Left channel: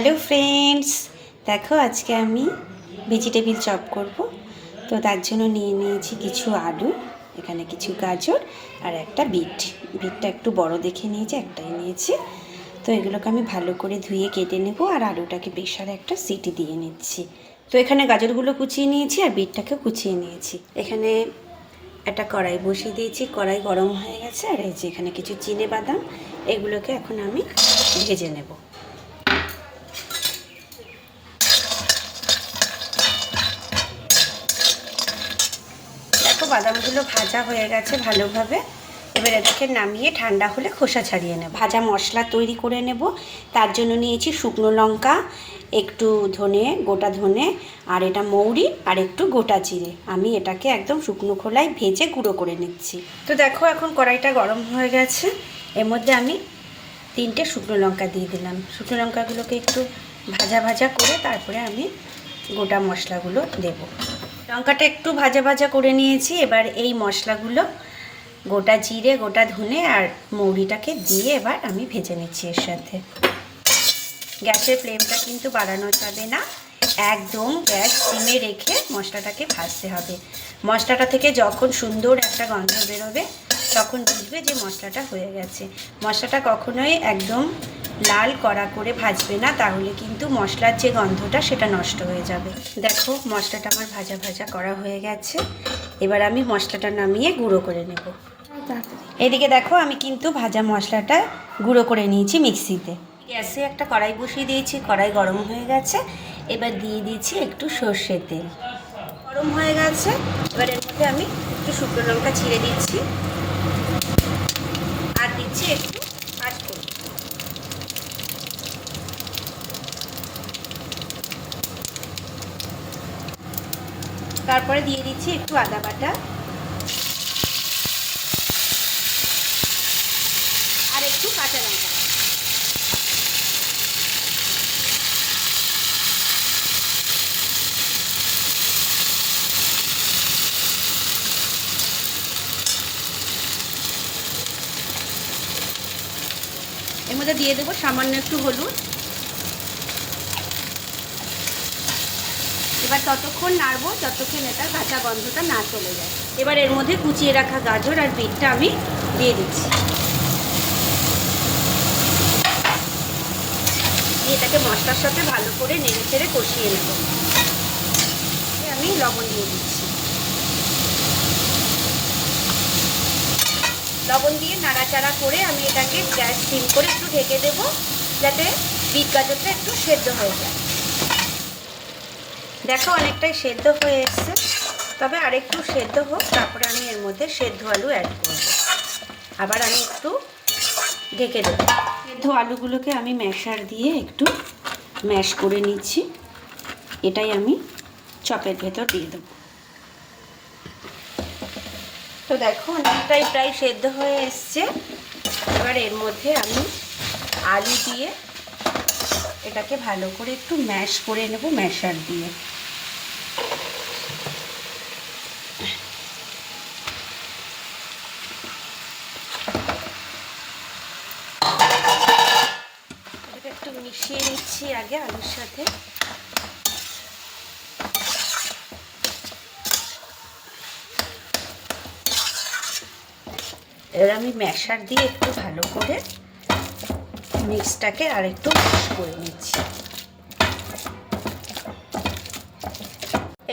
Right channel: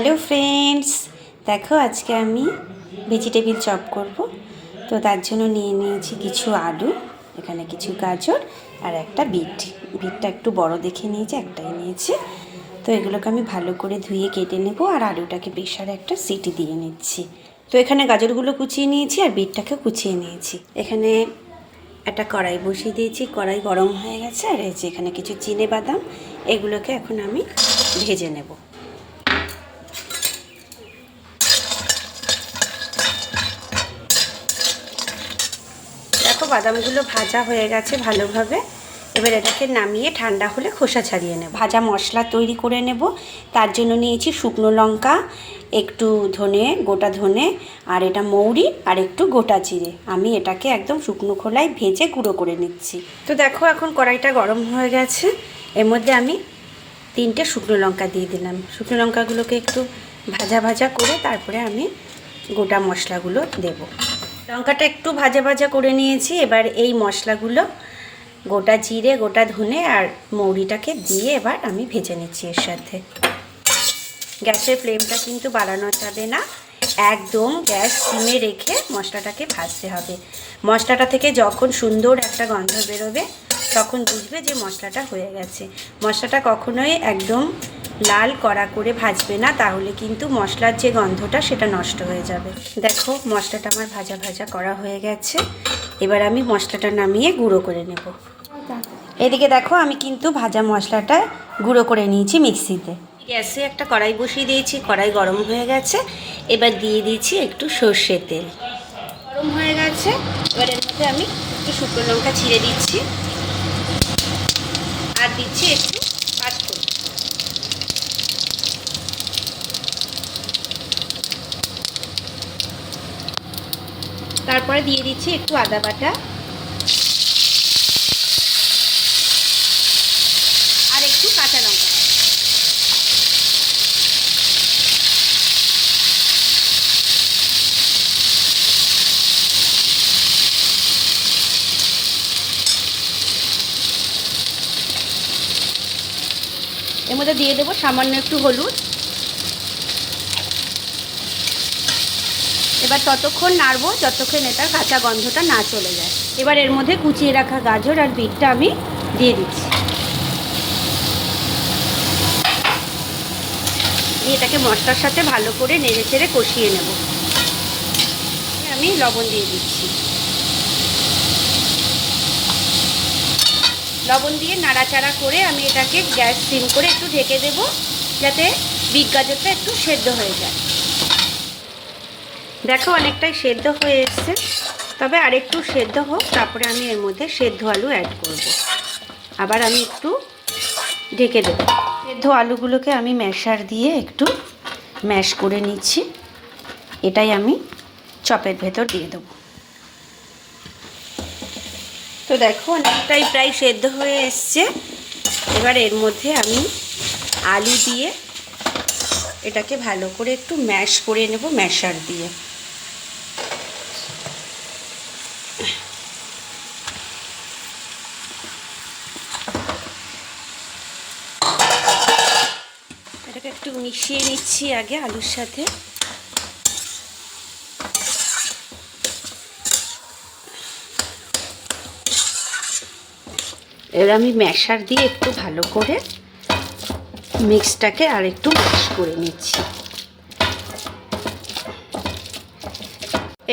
Hello friends, দেখো আজকে আমি ভেজিটেবিল চপ করব। তো তার জন্য নিয়ে নিয়েছি কিছু আলু, এখানে কিছু গাজর আর একটা বিটটা একটু বড় দেখে নিয়েছি, একটাই নিয়েছি। তো এগুলোকে আমি ভালো করে ধুয়ে কেটে নেব আর আলুটাকে প্রেসারে একটা সিটি দিয়ে নিচ্ছি। তো এখানে গাজরগুলো কুচিয়ে নিয়েছি আর বিটটাকে কুচিয়ে নিয়েছি। এখানে একটা কড়াই বসিয়ে দিয়েছি, কড়াই গরম হয়ে গেছে। আর এই যে এখানে কিছু চিনে বাদাম, এগুলোকে এখন আমি ভেজে নেব। দেখো বাদামগুলো ভাজা হয়ে গেছে ভালোভাবে। এবার এটাকে নামিয়ে ঠান্ডা হলে খোসা ছাড়িয়ে নেব। ভাজা মশলা তৈরি করে নেব। তার জন্য নিয়েছি শুকনো লঙ্কা, একটু ধনে, গোটা ধনে, আর এটা মৌরি আর একটু গোটা জিরে। আমি এটাকে একদম শুকনো খোলায় ভেজে গুঁড়ো করে নিচ্ছি। তো দেখো এখন কড়াইটা গরম হয়ে গেছে। এর মধ্যে আমি 3টে শুকনো লঙ্কা দিয়ে দিলাম। শুকনো লঙ্কাগুলোকে একটু ভাজা ভাজা করে তারপরে আমি গোটা মশলাগুলো দেব। লঙ্কাটা একটু ভাজা ভাজা করে নিয়েছি। এবার এই মশলাগুলো, গোটা জিরে, গোটা ধনে আর মৌরিটাকে দিয়ে এবার আমি ভেজে নিচ্ছি এর সাথে। গ্যাসের ফ্লেমটা কিন্তু বাড়ানো যাবে না, একদম গ্যাস সিমে রেখে মশলাটাকে ভাজতে হবে। মশলাটা থেকে যখন সুন্দর একটা গন্ধ বেরোবে তখন বুঝবে যে মশলাটা হয়ে গেছে। মশলাটা কখনোই একদম লাল কড়া করে ভাজবে না, তাহলে কিন্তু মশলার যে গন্ধটা সেটা নষ্ট হয়ে যাবে। দেখো মশলাটা আমার ভাজা ভাজা করা হয়ে গেছে। এবার আমি মশলাটা নামিয়ে গুঁড়ো করে নেব। এদিকে দেখো আমি কিন্তু ভাজা মশলাটা গুঁড়ো করে নিয়েছি মিক্সিতে। গ্যাসে একটা কড়াই বসিয়ে দিয়েছি, কড়াই গরম হয়ে গেছে। এবার দিয়ে দিয়েছি একটু সর্ষের তেল। গরম হয়ে গেছে, এবার এর মধ্যে আমি একটু শুকনো লঙ্কা ছিঁড়ে দিচ্ছি আর দিচ্ছি একটু পাঁচফোড়ন। তারপরে দিয়ে দিচ্ছি একটু আদা বাটা আর একটু কাঁচা লঙ্কা। এর মধ্যে দিয়ে দেবো সামান্য একটু হলুদ। এবার ততক্ষণ নাড়বো যতক্ষণ এটার কাঁচা গন্ধটা না চলে যায়। এবার এর মধ্যে কুচিয়ে রাখা গাজর আর বিটটা আমি দিয়ে দিচ্ছি। এটাকে মশলার সাথে ভালো করে নেড়ে চেড়ে কষিয়ে নেব। আমি লবণ দিয়ে দিচ্ছি। লবণ দিয়ে নাড়াচাড়া করে আমি এটাকে গ্যাস সিম করে একটু ঢেকে দেবো, যাতে বিট গাজরটা একটু সেদ্ধ হয়ে যায়। দেখো অনেকটাই সেদ্ধ হয়ে এসছে, তবে আরেকটু সেদ্ধ হোক, তারপরে আমি এর মধ্যে সেদ্ধ আলু অ্যাড করব। আবার আমি একটু ঢেকে দেবো। সেদ্ধ আলুগুলোকে আমি ম্যাশার দিয়ে একটু ম্যাশ করে নিচ্ছি। এটাই আমি চপের ভেতর দিয়ে দেবো। তো দেখো অনেকটাই প্রায় সেদ্ধ হয়ে এসছে। এবার এর মধ্যে আমি আলু দিয়ে এটাকে ভালো করে একটু ম্যাশ করে নেব ম্যাশার দিয়ে। এটাকে একটু মিশিয়ে নিচ্ছি আগে আলুর সাথে। এবার আমি ম্যাশার দিয়ে একটু ভালো করে মিক্সটাকে আর একটু ম্যাশ করে নিচ্ছি।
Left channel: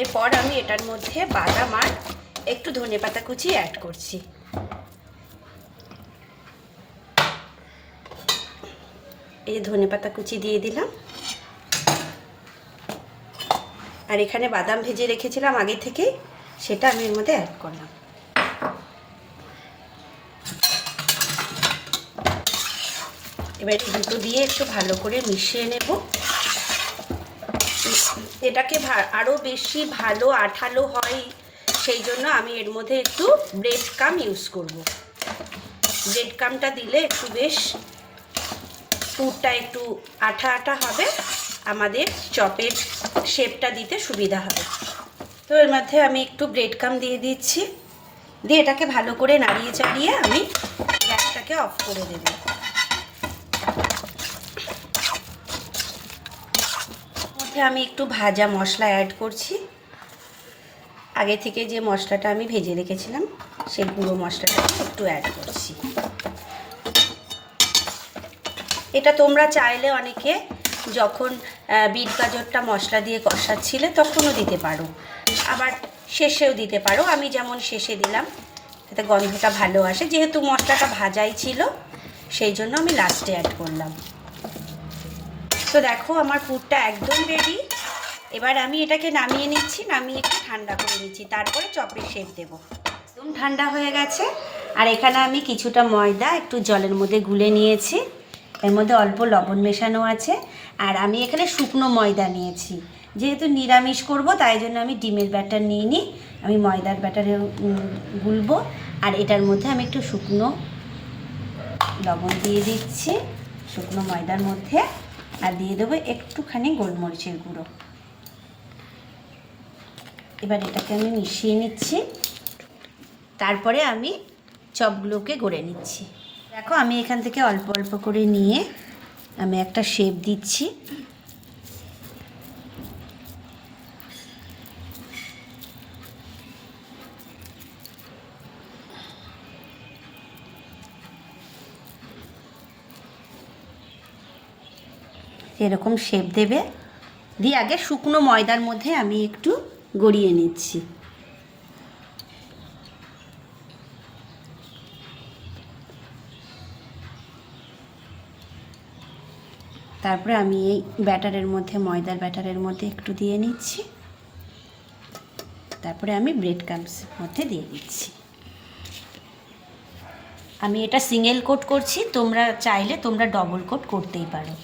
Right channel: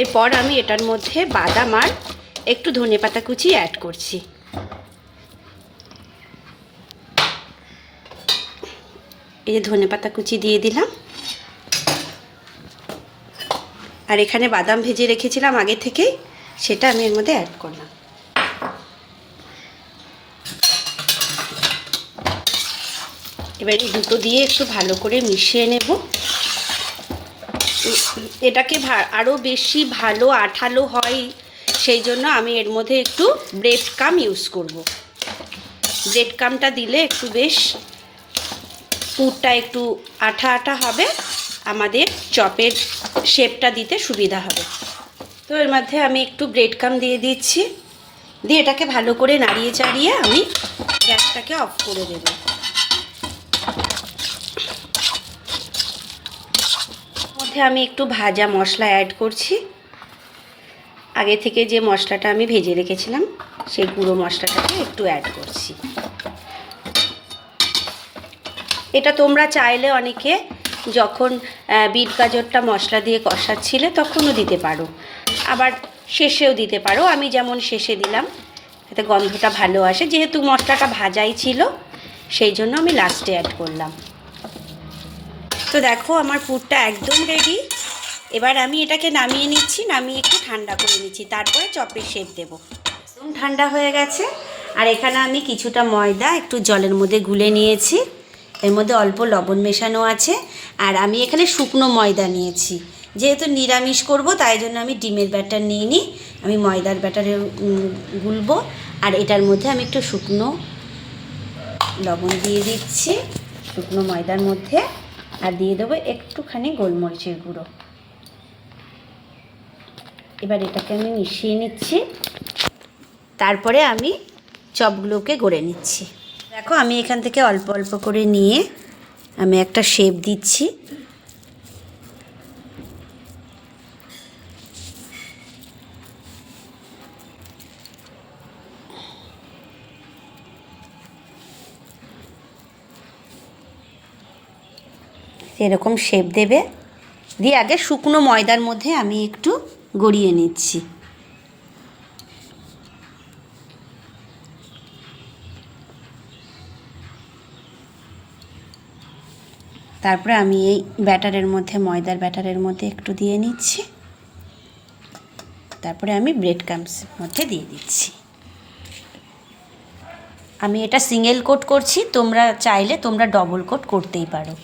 এরপর আমি এটার মধ্যে বাদাম আর একটু ধনেপাতা কুচি অ্যাড করছি। এই যে ধনেপাতা কুচি দিয়ে দিলাম। আর এখানে বাদাম ভেজে রেখেছিলাম আগে থেকেই, সেটা আমি এর মধ্যে অ্যাড করলাম। এবার এই দুটো দিয়ে একটু ভালো করে মিশিয়ে নেব। এটাকে আরও বেশি ভালো আঠালো হয়, সেই জন্য আমি এর মধ্যে একটু ব্রেড কাম ইউজ করব। ব্রেড কামটা দিলে একটু বেশ পুরটা একটু আঠা আঠা হবে, আমাদের চপের শেপটা দিতে সুবিধা হবে। তো এর মধ্যে আমি একটু ব্রেড কাম দিয়ে দিচ্ছি, দিয়ে এটাকে ভালো করে নাড়িয়ে চাড়িয়ে আমি গ্যাসটাকে অফ করে দেব। মধ্যে আমি একটু ভাজা মশলা অ্যাড করছি। আগে থেকে যে মশলাটা আমি ভেজে রেখেছিলাম সেই গুঁড়ো মশলাটাকে একটু অ্যাড করছি। এটা তোমরা চাইলে অনেকে যখন বিট গাজরটা মশলা দিয়ে কষাচ্ছিলে তখনও দিতে পারো, আবার শেষেও দিতে পারো। আমি যেমন শেষে দিলাম, এতে গন্ধটা ভালো আসে। যেহেতু মশলাটা ভাজাই ছিল সেই জন্য আমি লাস্টে অ্যাড করলাম। তো দেখো আমার পুরটা একদম রেডি। এবার আমি এটাকে নামিয়ে নিচ্ছি, নামিয়ে একটু ঠান্ডা করে নিচ্ছি, তারপরে চপের শেপ দেবো। ঠান্ডা হয়ে গেছে। আর এখানে আমি কিছুটা ময়দা একটু জলের মধ্যে গুলে নিয়েছি, এর মধ্যে অল্প লবণ মেশানো আছে। আর আমি এখানে শুকনো ময়দা নিয়েছি, যেহেতু নিরামিষ করব তাই জন্য আমি ডিমের ব্যাটার নিইনি, আমি ময়দার ব্যাটারে গুলবো। আর এটার মধ্যে আমি একটু শুকনো লবণ দিয়ে দিচ্ছি শুকনো ময়দার মধ্যে, আর দিয়ে দেবো একটুখানি গোলমরিচের গুঁড়ো। এবার এটাকে আমি মিশিয়ে নিচ্ছি, তারপরে আমি চপগুলোকে গড়ে নিচ্ছি। দেখো আমি এখান থেকে অল্প অল্প করে নিয়ে আমি একটা শেপ দিচ্ছি। এরকম শেপ দেবে, দিয়ে আগে শুকনো ময়দার মধ্যে আমি একটু গড়িয়ে নিচ্ছি। তারপরে আমি এই ব্যাটারের মধ্যে ময়দার ব্যাটারের মধ্যে একটু দিয়ে নিচ্ছি, তারপরে আমি ব্রেড ক্রাম্বসের মধ্যে দিয়ে দিচ্ছি। আমি এটা সিঙ্গেল কোট করছি, তোমরা চাইলে তোমরা ডবল কোট করতেই পারো।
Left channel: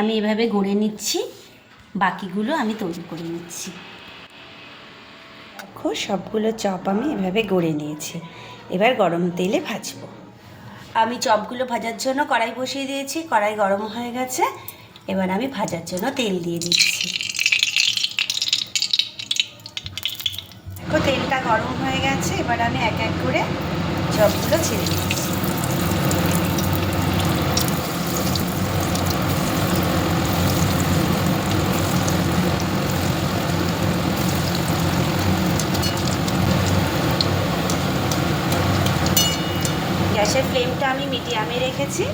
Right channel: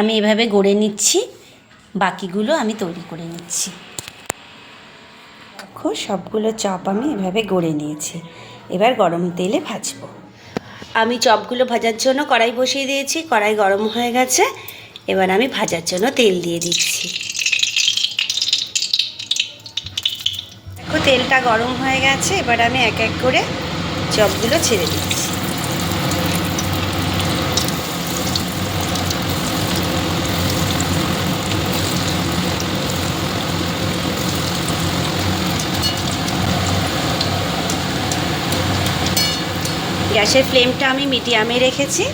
আমি এভাবে গড়ে নিচ্ছি, বাকিগুলো আমি তৈরি করে নিচ্ছি। দেখো সবগুলো চপ আমি এভাবে গড়ে নিয়েছি, এবার গরম তেলে ভাজবো। আমি চপগুলো ভাজার জন্য কড়াই বসিয়ে দিয়েছি, কড়াই গরম হয়ে গেছে। এবার আমি ভাজার জন্য তেল দিয়ে দিচ্ছি। দেখো তেলটা গরম হয়ে গেছে, এবার আমি এক এক করে চপগুলো ছেড়ে দিচ্ছি। গ্যাসের ফ্লেমটা আমি মিডিয়ামে রেখেছি।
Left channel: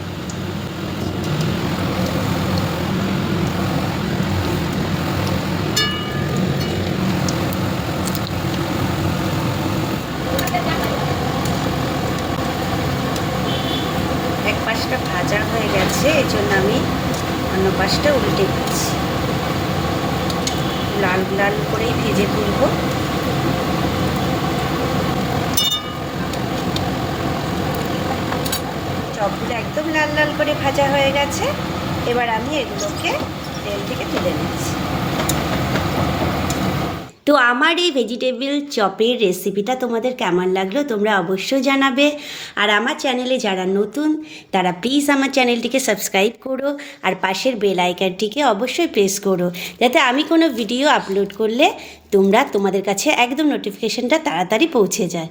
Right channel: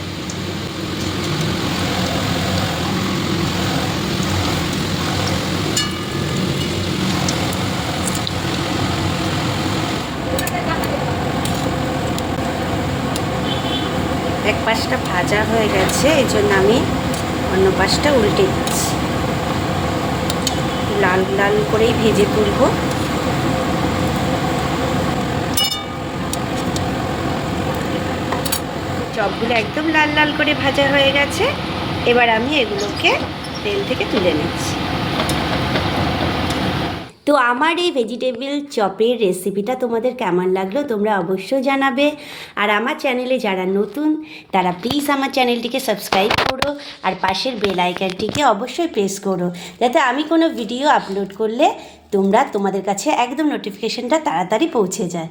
এক পাশটা ভাজা হয়ে গেছে, এই জন্য আমি অন্য পাশটা উল্টে দিচ্ছি। লাল লাল করেই ভেজে তুলব। চপগুলো একদম লাল লাল করে ভাজা হয়ে গেছে, এবার আমি এগুলোকে তেল থেকে তুলে নিচ্ছি। তো আমার এই ভেজিটেবিল চপের রেসিপিটা তোমাদের কেমন লাগলো তোমরা অবশ্যই জানাবে। আর আমার চ্যানেলে যারা নতুন তারা প্লিজ আমার চ্যানেলটিকে সাবস্ক্রাইব করো, আর পাশের বেল আইকনটিকে অবশ্যই প্রেস করো, যাতে আমি কোনো ভিডিও আপলোড করলে তোমাদের কাছে একদম নোটিফিকেশনটা তাড়াতাড়ি পৌঁছে যায়।